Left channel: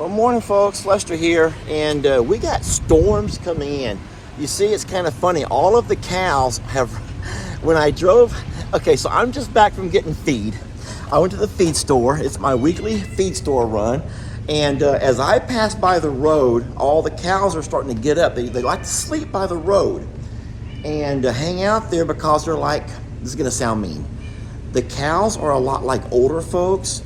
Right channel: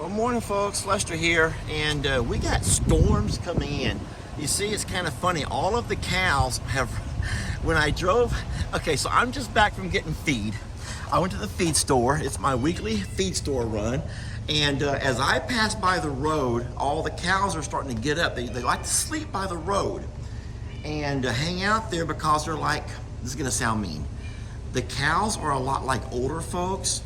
Well, morning folks, Lester here, and we got storms coming in. You see, it's kind of funny. All of the cows have, when I drove, okay, so I'm just back from getting feed. I went to the feed store. It's my weekly feed store run. And as I pass by the road, all the cows are starting to get up. They like to sleep by the road and hang out there because they're like, this is gonna sound mean. The cows are a lot like older folks.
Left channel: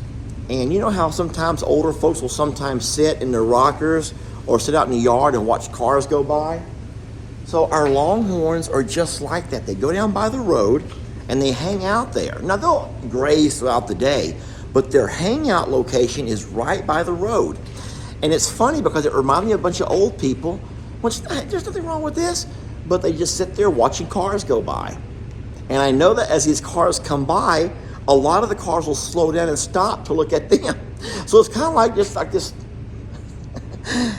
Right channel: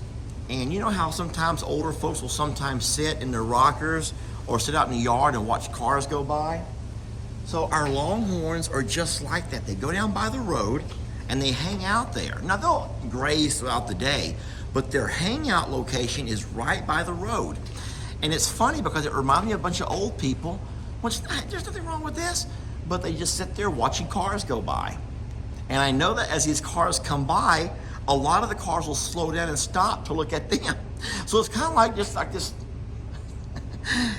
And you know how sometimes older folks will sometimes sit in their rockers or sit out in the yard and watch cars go by? So our longhorns are just like that. They go down by the road and they hang out there. Now they'll graze throughout the day, but their hangout location is right by the road. And it's funny because it reminds me of a bunch of old people, which there's nothing wrong with this, but they just sit there watching cars go by. And I know that as these cars come by, a lot of the cars will slow down and stop to look at them. So it's kind of like this.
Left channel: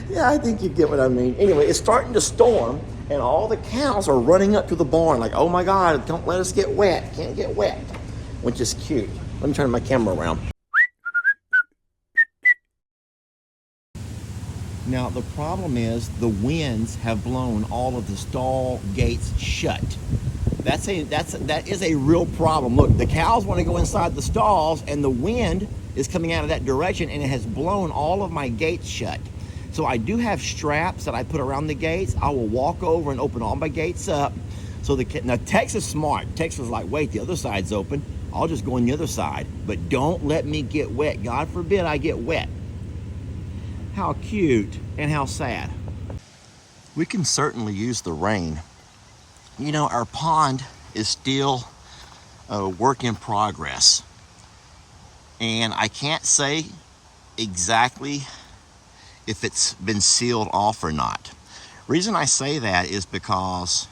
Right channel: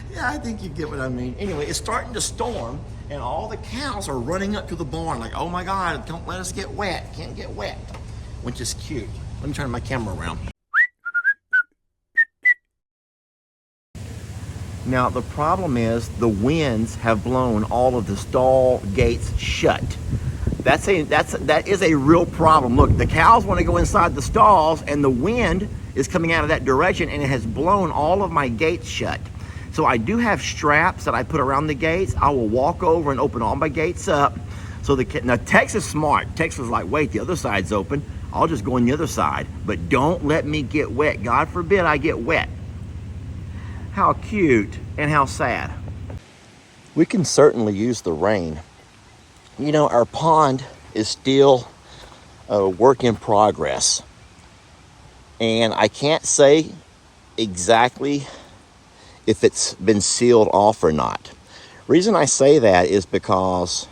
Yeah, I think you get what I mean. Anyway, it's starting to storm, and all the cows are running up to the barn like, oh my God, don't let us get wet. Can't get wet, which is cute. Let me turn my camera around. Now, the problem is the winds have blown all of the stall gates shut. That is a real problem. Look, the cows want to go inside the stalls and the wind is coming out of that direction and it has blown all of my gates shut. So I do have straps that I put around the gates. I will walk over and open all my gates up. So now Tex is smart. Tex was like, wait, the other side's open. I'll just go on the other side, but don't let me get wet. God forbid I get wet. How cute and how sad. We can certainly use the rain. You know, our pond is still a work in progress. And I can't say exactly if it's been sealed off or not. Reason I say that is because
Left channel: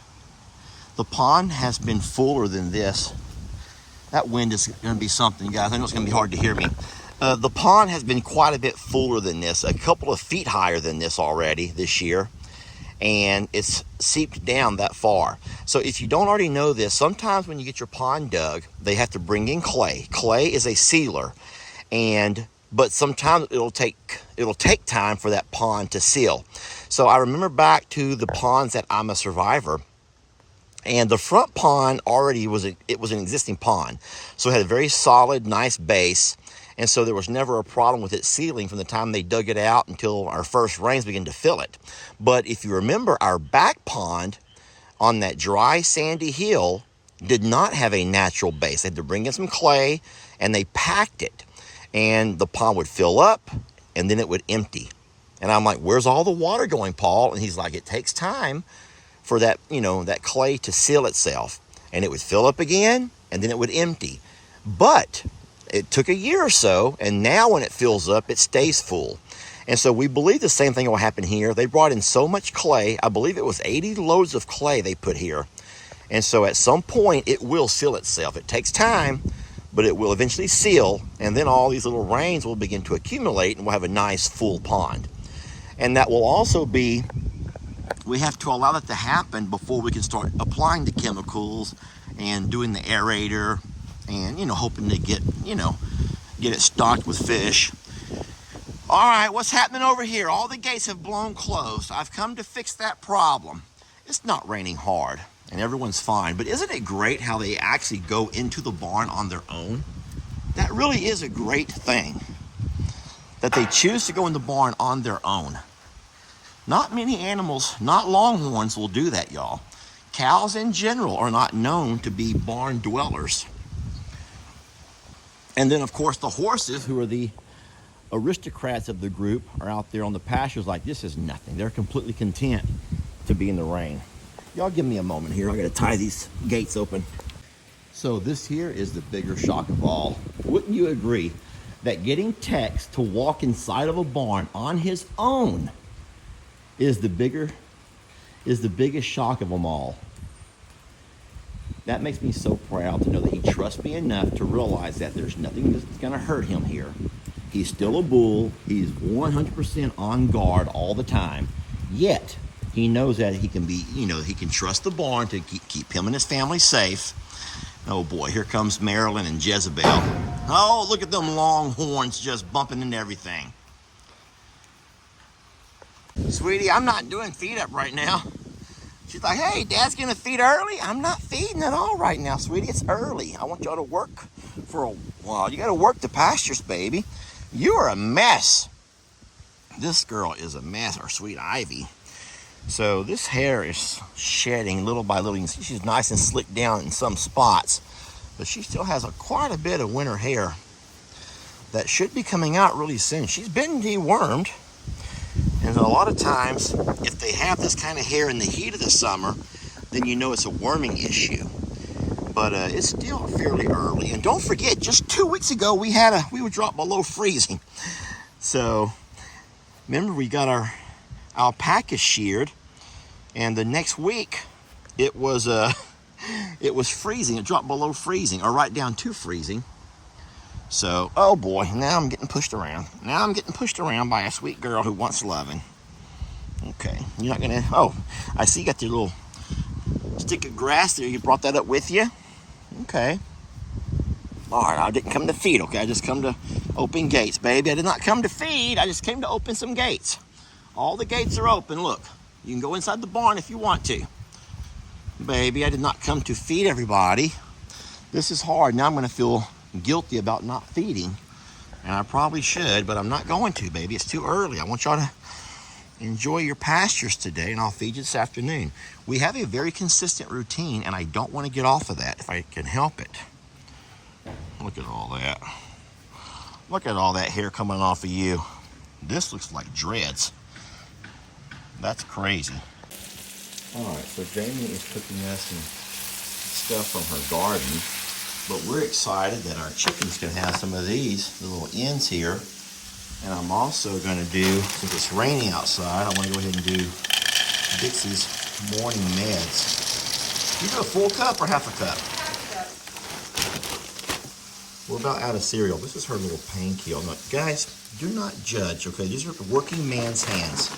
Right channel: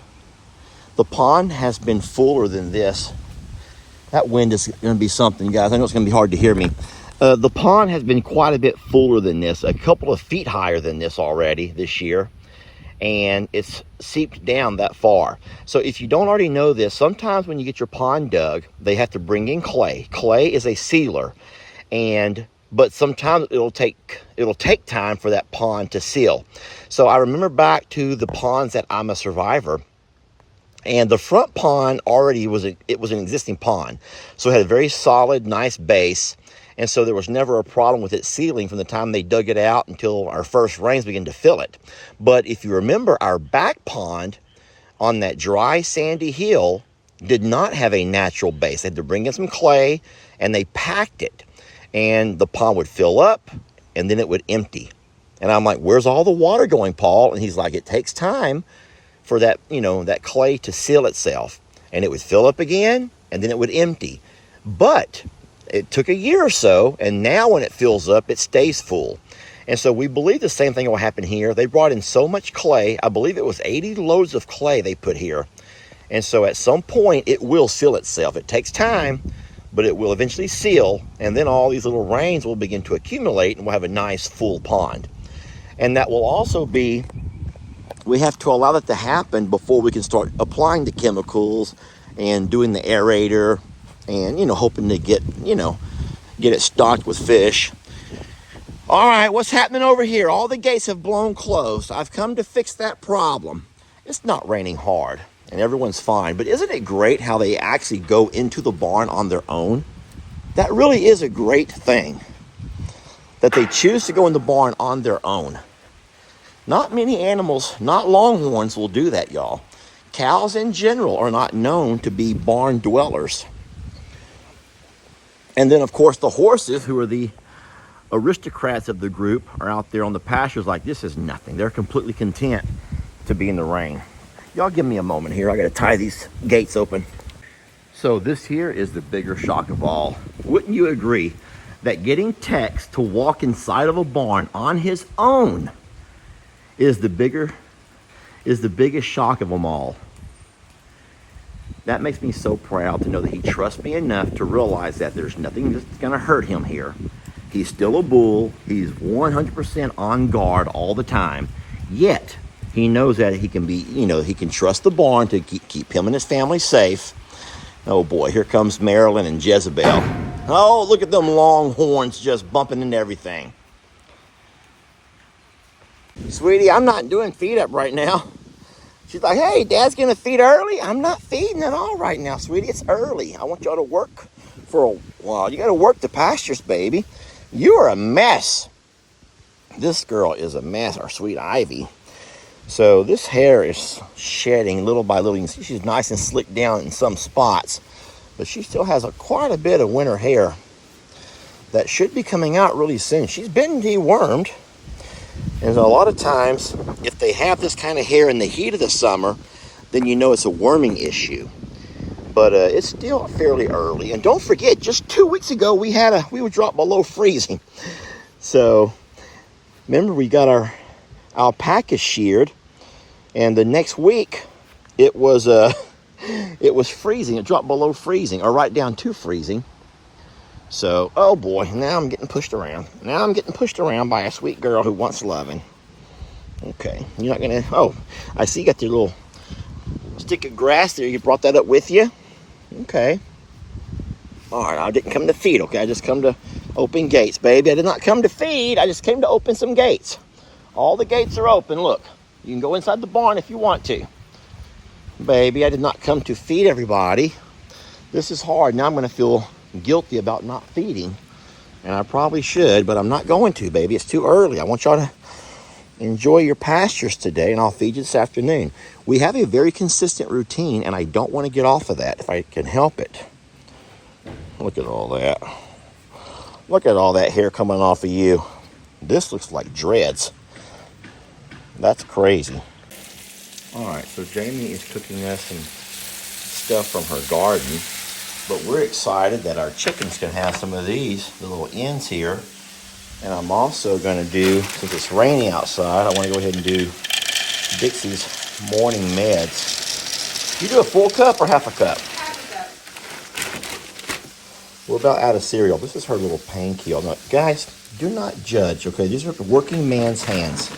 the pond has been fuller than this. That wind is gonna be something, guys. I know it's gonna be hard to hear me. The pond has been quite a bit fuller than this, a couple of feet higher than this already this year. And it's seeped down that far. So if you don't already know this, sometimes when you get your pond dug, they have to bring in clay. Clay is a sealer, but sometimes it'll take time for that pond to seal. So I remember back to the ponds that I'm a survivor, and the front pond already was an existing pond. So it had a very solid, nice base. And so there was never a problem with it sealing from the time they dug it out until our first rains began to fill it. But if you remember, our back pond on that dry, sandy hill did not have a natural base. They had to bring in some clay and they packed it. And the pond would fill up and then it would empty. And I'm like, where's all the water going, Paul? And he's like, it takes time for that, that clay to seal itself. And it would fill up again and then it would empty. But it took a year or so, and now when it fills up, it stays full. And so we believe the same thing will happen here. They brought in so much clay. I believe it was 80 loads of clay they put here. And so at some point, it will seal itself. It takes time, but it will eventually seal. And then all these little rains will begin to accumulate, and we'll have a nice full pond. And that will also be, we have to allow that to happen before we can start applying the chemicals and doing the aerator and, hoping to get it stocked with fish. All right, what's happening over here? All the gates have blown closed. I've come to fix that problem. It's not raining hard and everyone's fine, but isn't it great how they actually go into the barn on their own? That really is a great thing, that they choose to go in the barn on their own. Not many animals, not longhorns, will do that, y'all. Cows in general are not known to be barn dwellers. And then, of course, the horses, who are the aristocrats of the group, are out there on the pastures like, this is nothing. They're completely content to be in the rain. Y'all give me a moment here. I got to tie these gates open. So this here is the bigger shock of all. Wouldn't you agree that getting Tex to walk inside of a barn on his own is the biggest shock of them all? That makes me so proud to know that he trusts me enough to realize that there's nothing that's going to hurt him here. He's still a bull. He's 100% on guard all the time. Yet, he knows that he can be, he can trust the barn to keep him and his family safe. Oh boy, here comes Marilyn and Jezebel. Oh, look at them longhorns just bumping into everything. Sweetie, I'm not doing feed up right now. She's like, hey, Dad's gonna feed early. I'm not feeding at all right now, sweetie. It's early. I want y'all to work for a while. You gotta work the pastures, baby. You are a mess. This girl is a mess, our sweet Ivy. So this hair is shedding little by little. You can see she's nice and slicked down in some spots, but she still has quite a bit of winter hair that should be coming out really soon. She's been dewormed. And a lot of times, if they have this kind of hair in the heat of the summer, then you know it's a worming issue. But it's still fairly early. And don't forget, just 2 weeks ago, we were dropped below freezing. So remember, we got our alpaca sheared, and the next week it was freezing. It dropped below freezing, or right down to freezing. So, oh boy, now I'm getting pushed around. Now I'm getting pushed around by a sweet girl who wants loving. Okay, you're not gonna, oh, I see you got your little stick of grass there. You brought that up with you? Okay. All right, I didn't come to feed, okay? I just come to open gates, baby. I did not come to feed. I just came to open some gates. All the gates are open, look. You can go inside the barn if you want to. Baby, I did not come to feed everybody. This is hard. Now I'm gonna feel guilty about not feeding, and I probably should, but I'm not going to, baby. It's too early. I want y'all to enjoy your pastures today, and I'll feed you this afternoon. We have a very consistent routine, and I don't want to get off of that if I can help it. Look at all that. Look at all that hair coming off of you. This looks like dreads. That's crazy. All right, so Jamie is cooking us some stuff from her garden. But we're excited that our chickens can have some of these, the little ends here. And I'm also going to do, since it's raining outside, I want to go ahead and do Dixie's morning meds. You do a full cup or half a cup? Half a cup. We're about out of cereal. This is her little pain kill. Now, guys, do not judge, okay? These are working man's hands.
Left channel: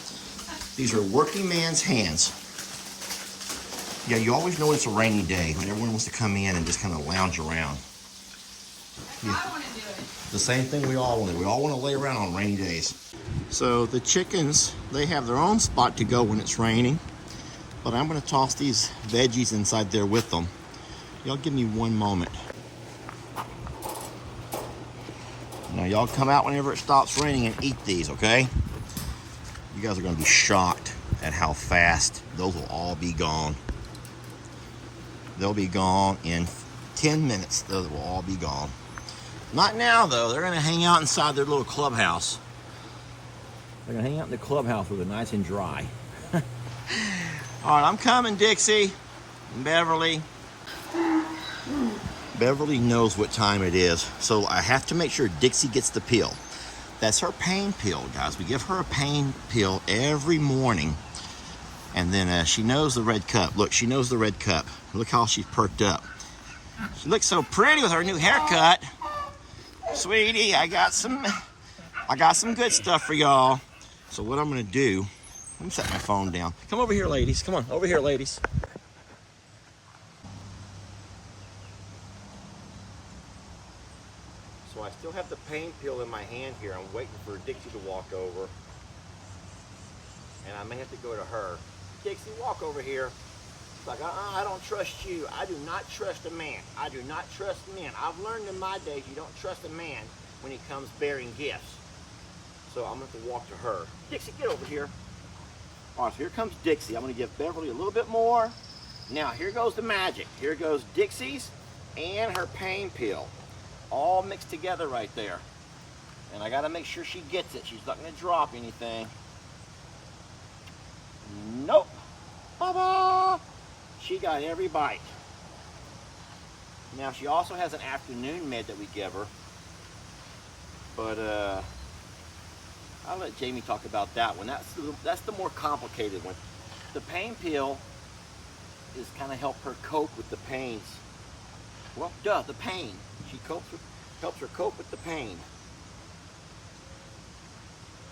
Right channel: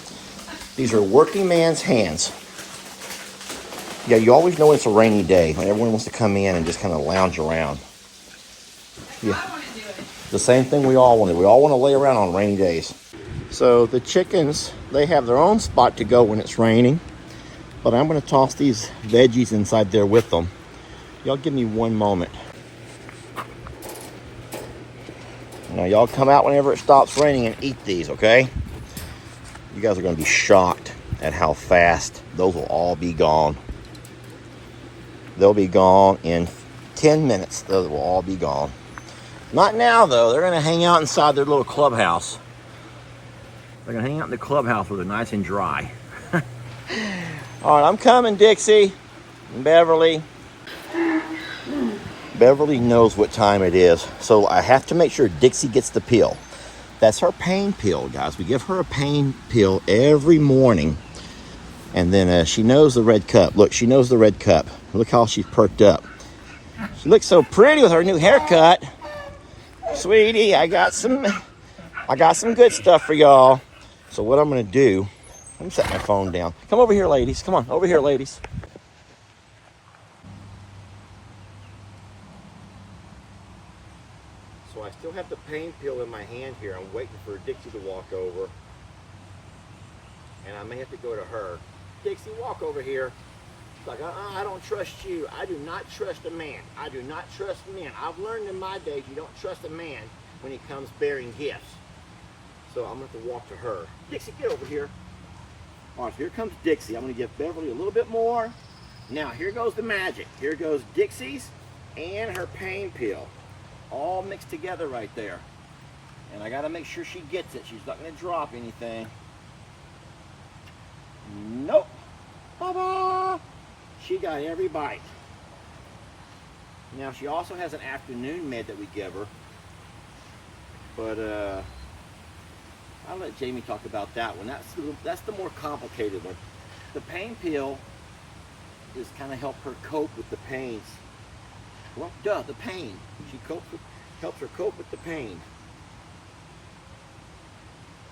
These are working man's hands. Yeah, you always know it's a rainy day when everyone wants to come in and just kind of lounge around. Yeah, the same thing we all want to do. We all want to lay around on rainy days. So the chickens, they have their own spot to go when it's raining, but I'm going to toss these veggies inside there with them. Y'all give me one moment. Now y'all come out whenever it stops raining and eat these, okay? You guys are going to be shocked at how fast those will all be gone. They'll be gone in 10 minutes. Those will all be gone. Not now, though. They're going to hang out inside their little clubhouse. They're going to hang out in the clubhouse where they're nice and dry. All right, I'm coming, Dixie and Beverly. Beverly knows what time it is, so I have to make sure Dixie gets the pill. That's her pain pill, guys. We give her a pain pill every morning. And then she knows the red cup. Look, she knows the red cup. Look how she's perked up. She looks so pretty with her new haircut. Sweetie, I got some good stuff for y'all. So what I'm gonna do, let me set my phone down. Come over here, ladies. Come on, over here, ladies. So I still have the pain pill in my hand here. I'm waiting for Dixie to walk over. And I may have to go to her. Dixie, walk over here. She's like, I don't trust you. I do not trust a man. I do not trust men. I've learned in my days you don't trust a man when he comes bearing gifts. So I'm going to have to walk to her. Dixie, get over here. All right, so here comes Dixie. I'm going to give Beverly a little bit more. Now, here goes the magic. Here goes Dixie's and her pain pill. All mixed together right there. And I got to make sure she gets it. She's not going to drop anything. Nope. Ba-ba! She got every bite. Now, she also has an afternoon med that we give her. But I'll let Jamie talk about that one. That's the more complicated one. The pain pill is kind of help her cope with the pains. Well, the pain. She helps her cope with the pain.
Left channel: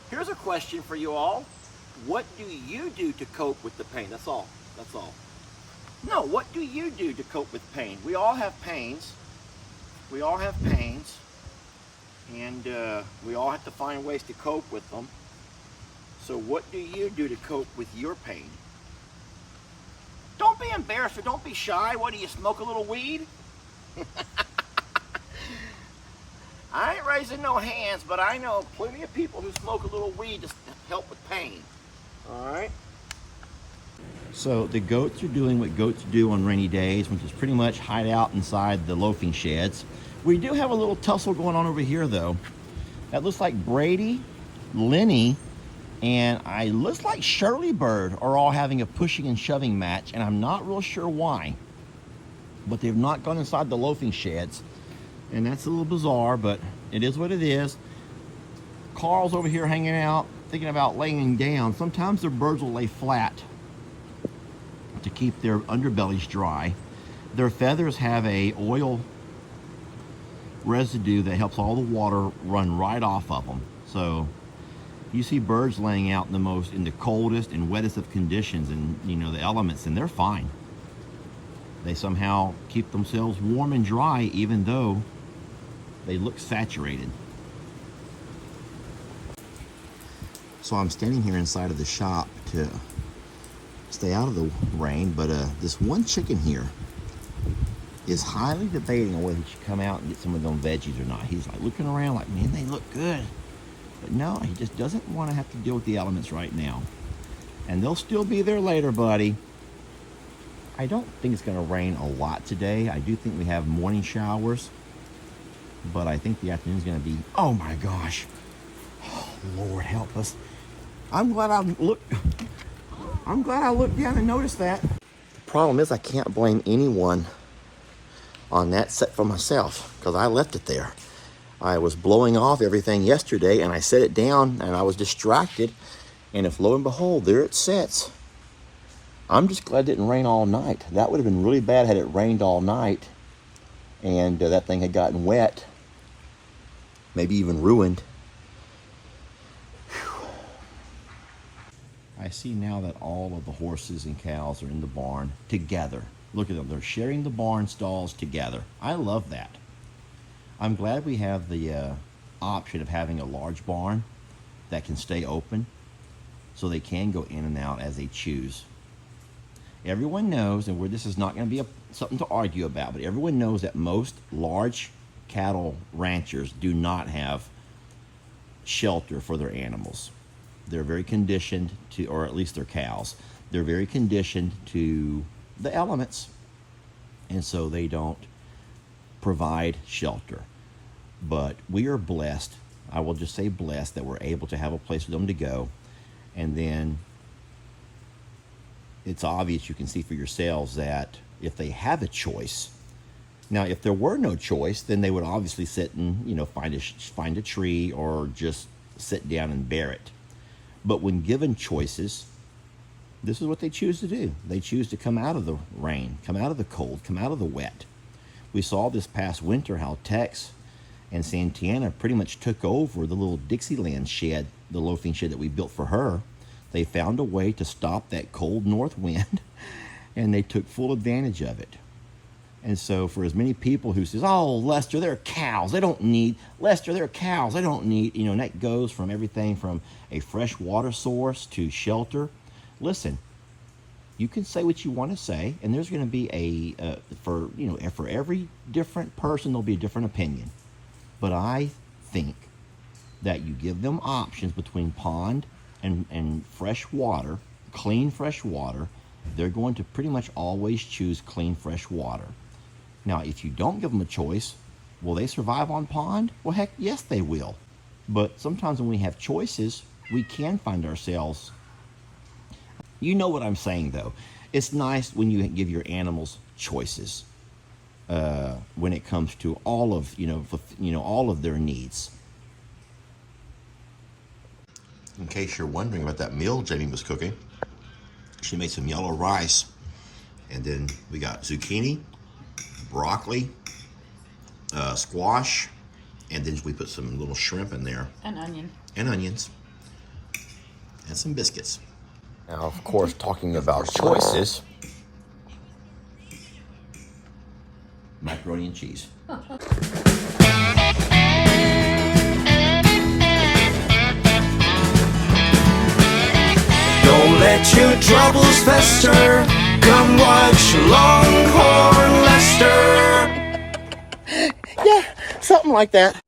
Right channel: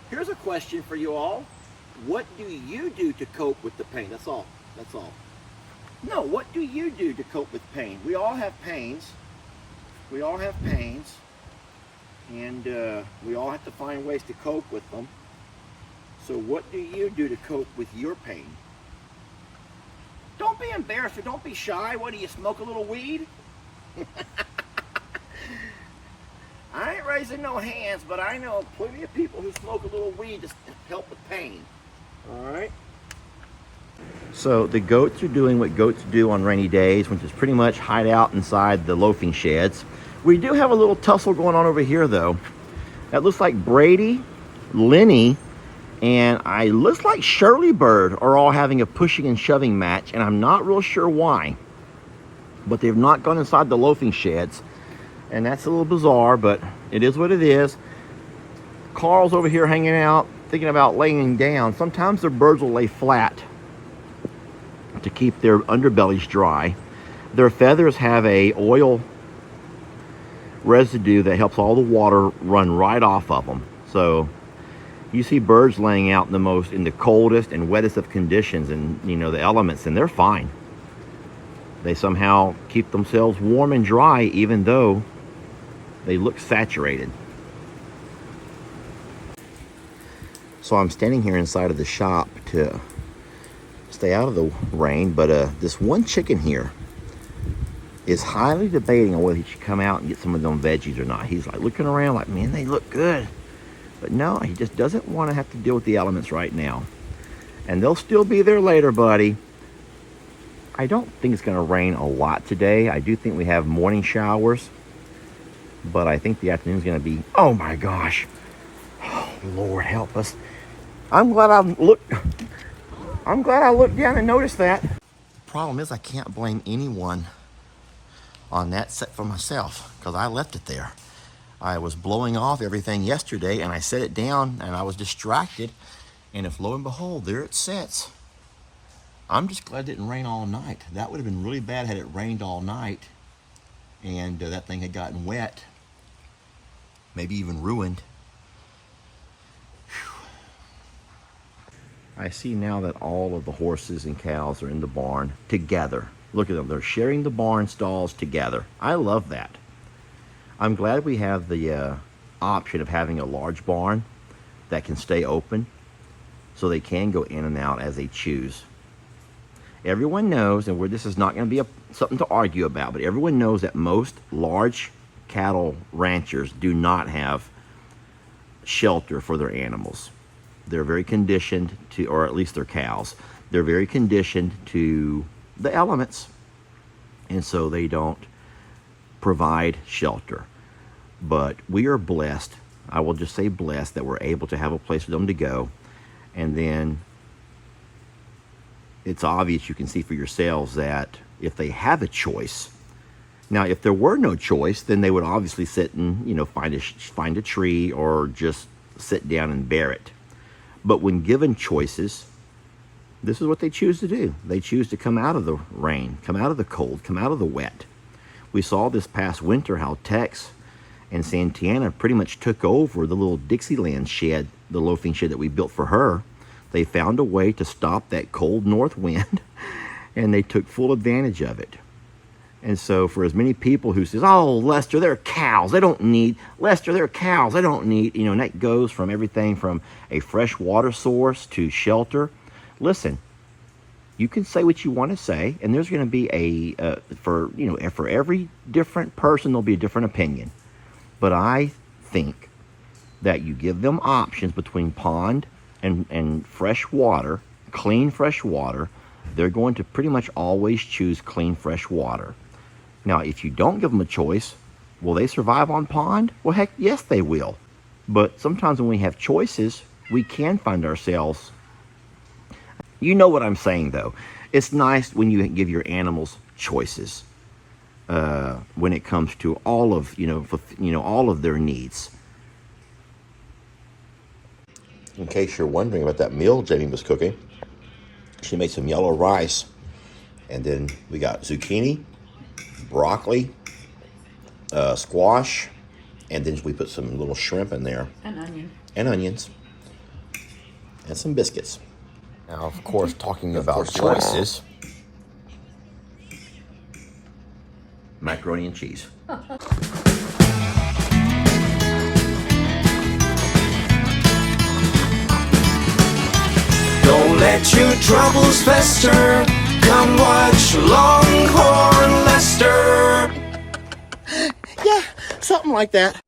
Here's a question for you all. What do you do to cope with the pain? That's all. That's all. No, what do you do to cope with pain? We all have pains. We all have pains. And we all have to find ways to cope with them. So what do you do to cope with your pain? Don't be embarrassed or don't be shy. What, do you smoke a little weed? I ain't raising no hands, but I know plenty of people who smoke a little weed to help with pain. All right? So the goats are doing what goats do on rainy days, which is pretty much hide out inside the loafing sheds. We do have a little tussle going on over here, though. That looks like Brady, Lenny, and looks like Shirley Bird are all having a pushing and shoving match, and I'm not real sure why. But they've not gone inside the loafing sheds, and that's a little bizarre, but it is what it is. Carl's over here hanging out, thinking about laying down. Sometimes their birds will lay flat to keep their underbellies dry. Their feathers have a oil residue that helps all the water run right off of them. So you see birds laying out in the coldest and wettest of conditions, and the elements, and they're fine. They somehow keep themselves warm and dry even though they look saturated. So I'm standing here inside of the shop to stay out of the rain, but this one chicken here is highly debating on whether he should come out and get some of them veggies or not. He's like looking around like, man, they look good. But no, he just doesn't want to have to deal with the elements right now. And they'll still be there later, buddy. I don't think it's going to rain a lot today. I do think we have morning showers, but I think the afternoon's going to be, oh my gosh. Oh, Lord help us. I'm glad I looked down and noticed that. The problem is I can't blame anyone on that set for myself because I left it there. I was blowing off everything yesterday and I set it down and I was distracted, and if lo and behold, there it sits. I'm just glad it didn't rain all night. That would have been really bad had it rained all night and that thing had gotten wet, maybe even ruined. I see now that all of the horses and cows are in the barn together. Look at them, they're sharing the barn stalls together. I love that. I'm glad we have the option of having a large barn that can stay open so they can go in and out as they choose. Everyone knows, and this is not going to be something to argue about, but everyone knows that most large cattle ranchers do not have shelter for their animals. They're very conditioned to, or at least their cows, they're very conditioned to the elements, and so they don't provide shelter. But we are blessed, I will just say blessed, that we're able to have a place for them to go. And then it's obvious, you can see for yourselves, that if they have a choice, now if there were no choice, then they would obviously sit and find a tree or just sit down and bear it. But when given choices, this is what they choose to do. They choose to come out of the rain, come out of the cold, come out of the wet. We saw this past winter how Tex and Santana pretty much took over the little Dixieland shed, the loafing shed that we built for her. They found a way to stop that cold north wind, and they took full advantage of it. And so for as many people who says, oh, Lester, they're cows, they don't need, Lester, they're cows, they don't need, and that goes from everything from a fresh water source to shelter. Listen, you can say what you want to say, and there's going to be for every different person, there'll be a different opinion. But I think that you give them options between pond and fresh water, clean fresh water, they're going to pretty much always choose clean fresh water. Now, if you don't give them a choice, will they survive on pond? Well, heck, yes, they will. But sometimes when we have choices, we can find ourselves. You know what I'm saying, though. It's nice when you give your animals choices when it comes to all of all of their needs. In case you're wondering about that meal Jamie was cooking, she made some yellow rice, and then we got zucchini, broccoli, squash, and then we put some little shrimp in there. And onion. And onions. And some biscuits. Now, of course, talking about choices, macaroni and cheese. let your troubles fester. Come watch Longhorn Lester. Yeah, something like that.